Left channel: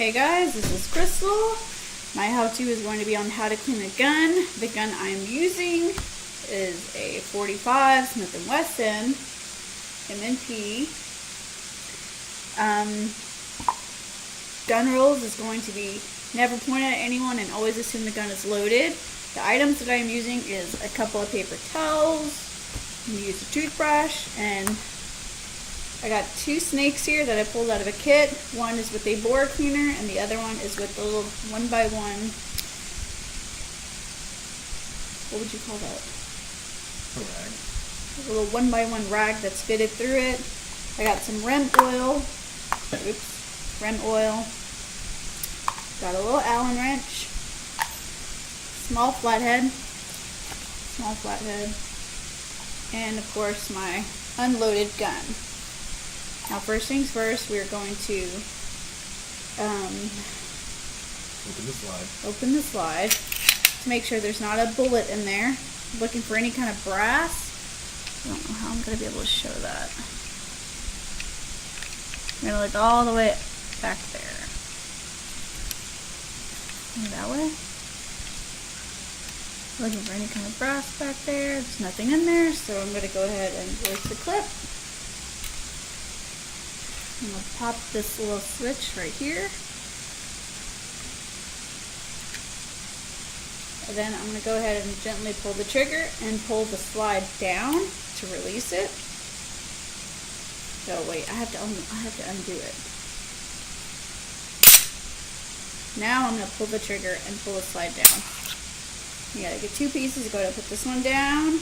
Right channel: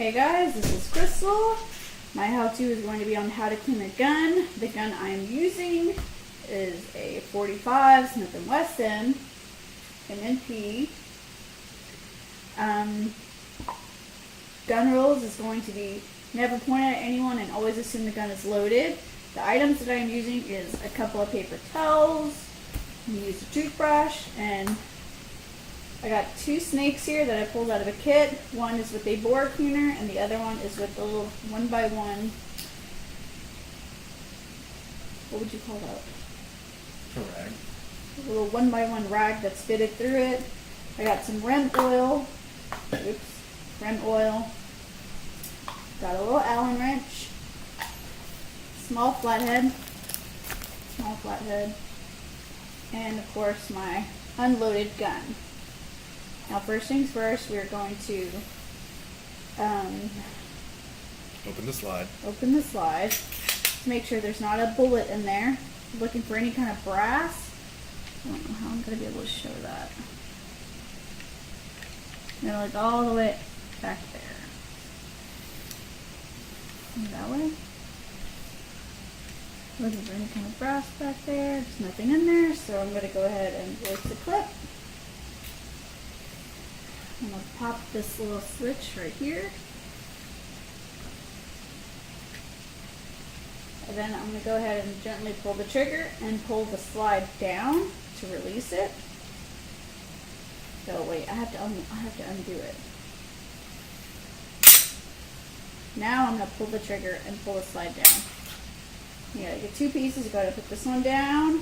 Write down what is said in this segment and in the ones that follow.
Hey guys, this is Crystal. My how-to is going to be on how to clean a gun. The gun I'm using is a .45 Smith & Wesson M&P. Gun rules is going to be never point at anyone and always assume the gun is loaded. The items that I'm using is a couple of paper towels. I'm going to use a toothbrush, and I got two snakes here that I pulled out of a kit. One is with a bore cleaner and the other one is with the little 1x1, what would you call that? A rag. A little 1x1 rag that's fitted through it. I got some REM oil. REM oil. Got a little Allen wrench. Small flathead. And of course my unloaded gun. Now first things first, we are going to open the slide to make sure there's not a bullet in there. Looking for any kind of brass. I don't know how I'm going to be able to show that. I'm going to look all the way back there. That way. Looking for any kind of brass back there. There's nothing in there, so I'm going to go ahead and release the clip. I'm going to pop this little switch right here. And then I'm going to go ahead and gently pull the trigger and pull the slide down to release it. So wait, I have to undo it. Now I'm going to pull the trigger and pull the slide down. You gotta get two pieces. Go ahead and put this one down.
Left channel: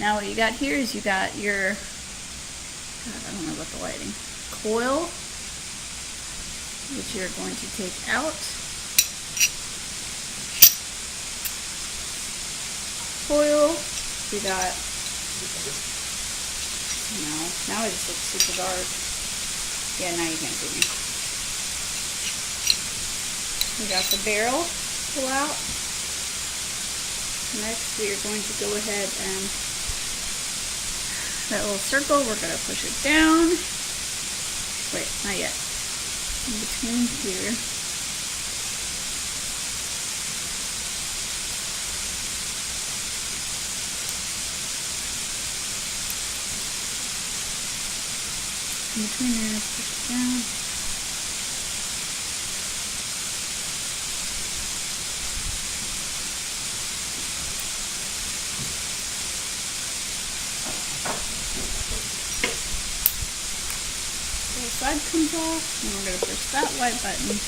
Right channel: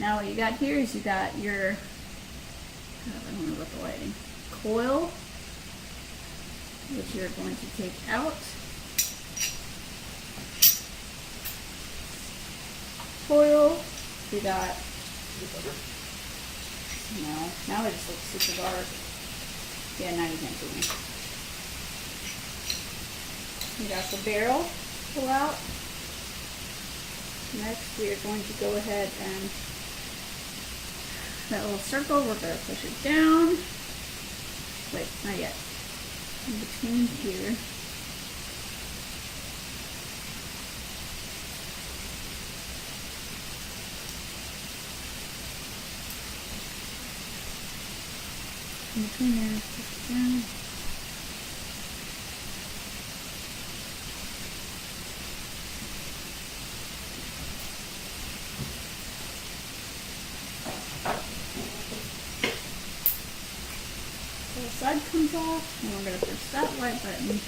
Now what you got here is you got your, I don't know about the lighting, coil, which you're going to take out. Coil. We got, no, now it just looks super dark. Yeah, now you can't see me. We got the barrel pull out. Next, we are going to go ahead and that little circle, we're going to push it down. Wait, not yet. In between here. In between there, push it down. The side comes off, and we're going to push that white button.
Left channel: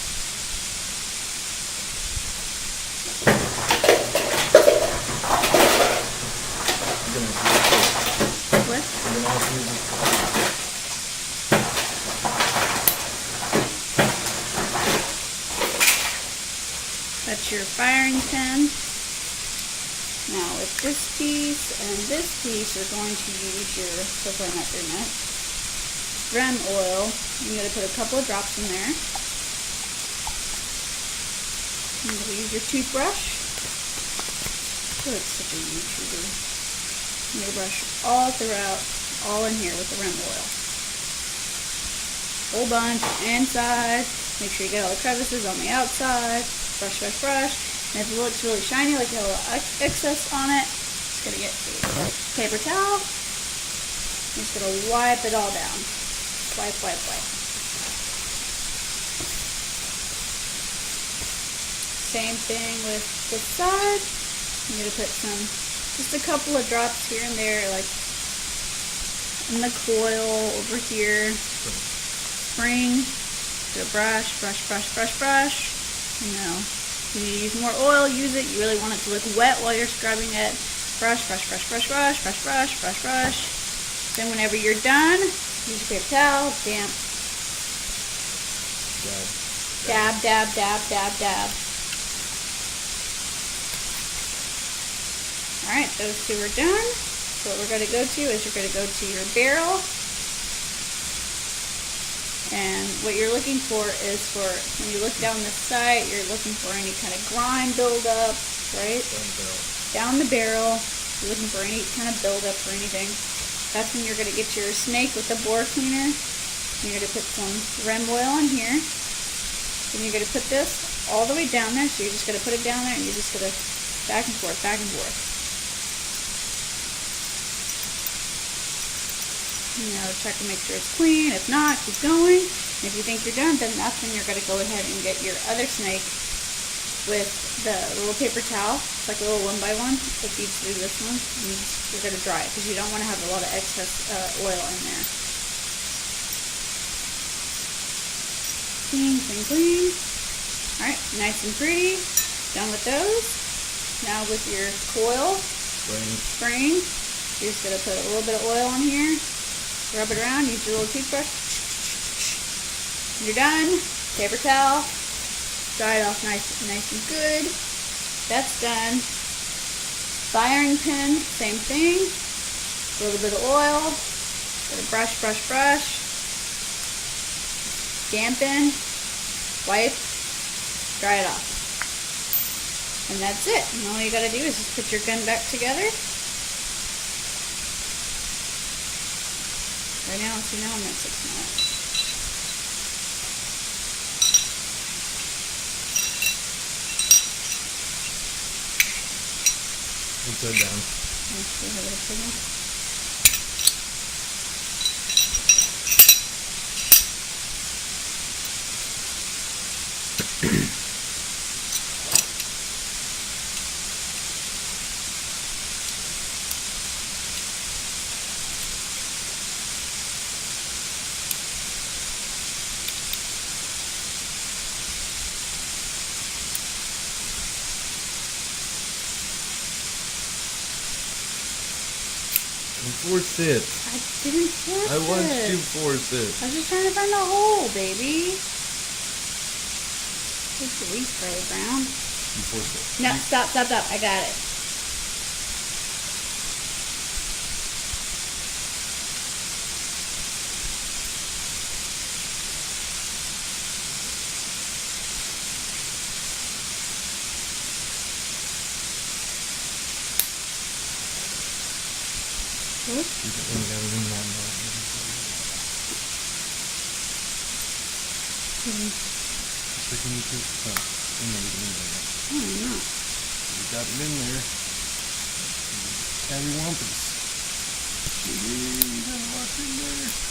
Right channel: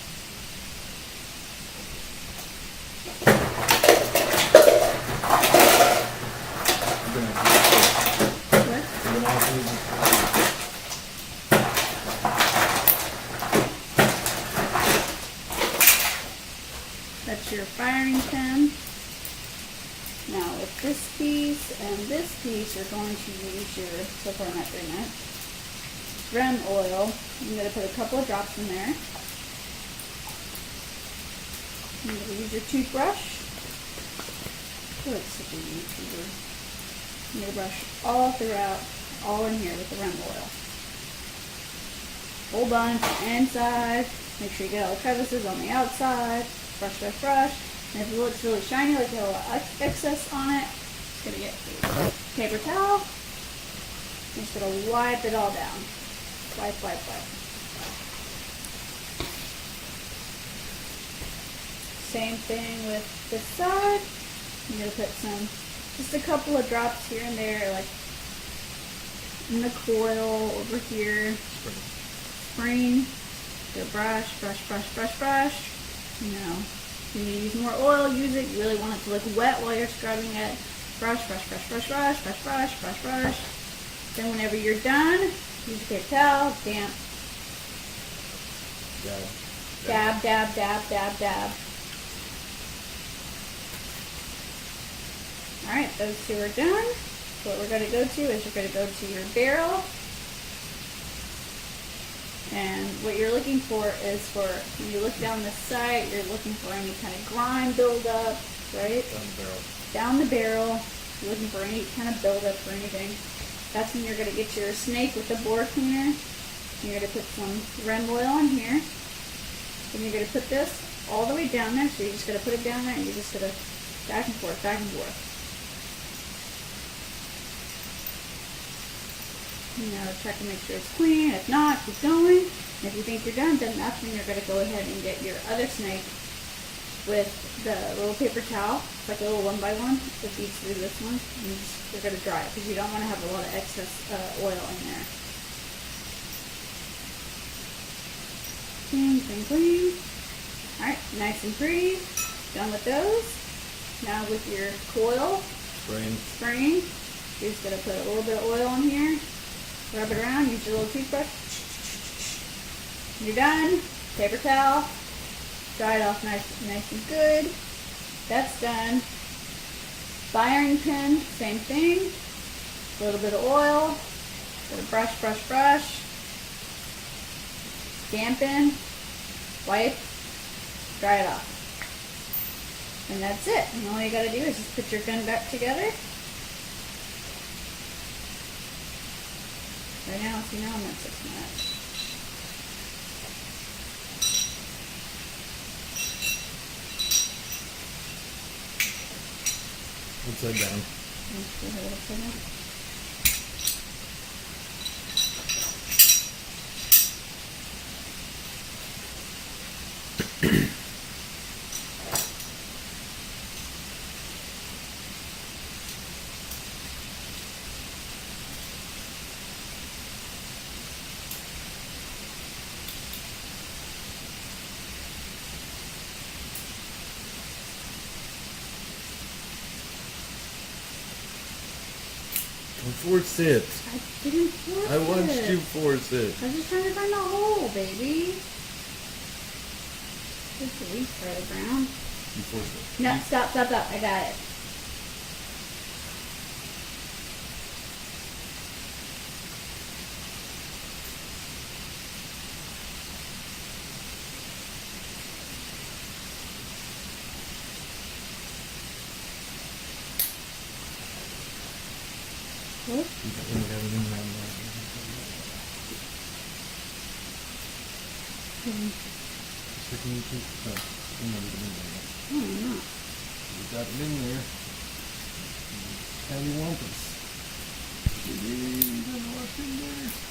That's your firing pin. Now with this piece and this piece, you're going to use your, so far not very much, REM oil. I'm going to put a couple of drops in there. I'm going to use your toothbrush. I feel like such a YouTuber. I'm going to brush all throughout, all in here with the REM oil. Whole bunch inside. Make sure you get all the crevices on the outside. Brush, brush, brush. And if it looks really shiny, like you have a little excess on it, just going to get a paper towel. I'm just going to wipe it all down. Wipe, wipe, wipe. Same thing with this side. I'm going to put just a couple of drops here and there, like in the coil over here. Spring. Go brush, brush, brush, brush, brush. You know, if you need to use more oil, use it. You really want it to look wet while you're scrubbing it. Brush, brush, brush, brush, brush, brush, brush, brush, brush. Then whenever you're done, use a paper towel, damp. Dab, dab, dab, dab, dab. Alright, those two are done. So what we're going to go to is you're going to go to your barrel. And what you're looking for is when you look down the sight, you're looking for any kind of grime buildup, right? Down the barrel. You're looking for any kind of buildup or anything. That's when you're going to get your snake with the bore cleaner. You're going to put some REM oil in here. Then you're gonna put this all the way down there. So you're just gonna put it down there, and you're just gonna back and forth, back and forth. You know, check and make sure it's clean. If not, keep going. And if you think you're done, then that's when you're gonna go ahead and get your other snake with the little paper towel. It's like a little 1x1. It feeds through this one. And you're gonna dry it because you don't want to have a lot of excess oil in there. Clean, clean, clean. All right, nice and pretty. Done with those. Now with your coil spraying, you're just gonna put a little bit of oil in here. Rub it around. Use your little toothbrush. You're done. Paper towel. Dry it off nice and good. That's done. Firing pin, same thing. A little bit of oil. Brush, brush, brush. Dampen. Wipe. Dry it off. And that's it. And all you gotta do is just put your gun back together. Right now, see now I'm at 6 minutes. Upside down. Let's see how it looks like. Don't force it. I didn't force it. I want you to force it. I was just trying to find a hole, baby. There's the leaf further ground. You force it. No, stop. I got it. What? You got one down in that mouth. Sticking it to in there. Oh, no. You got it in there. Cattywampus. You got lots in there.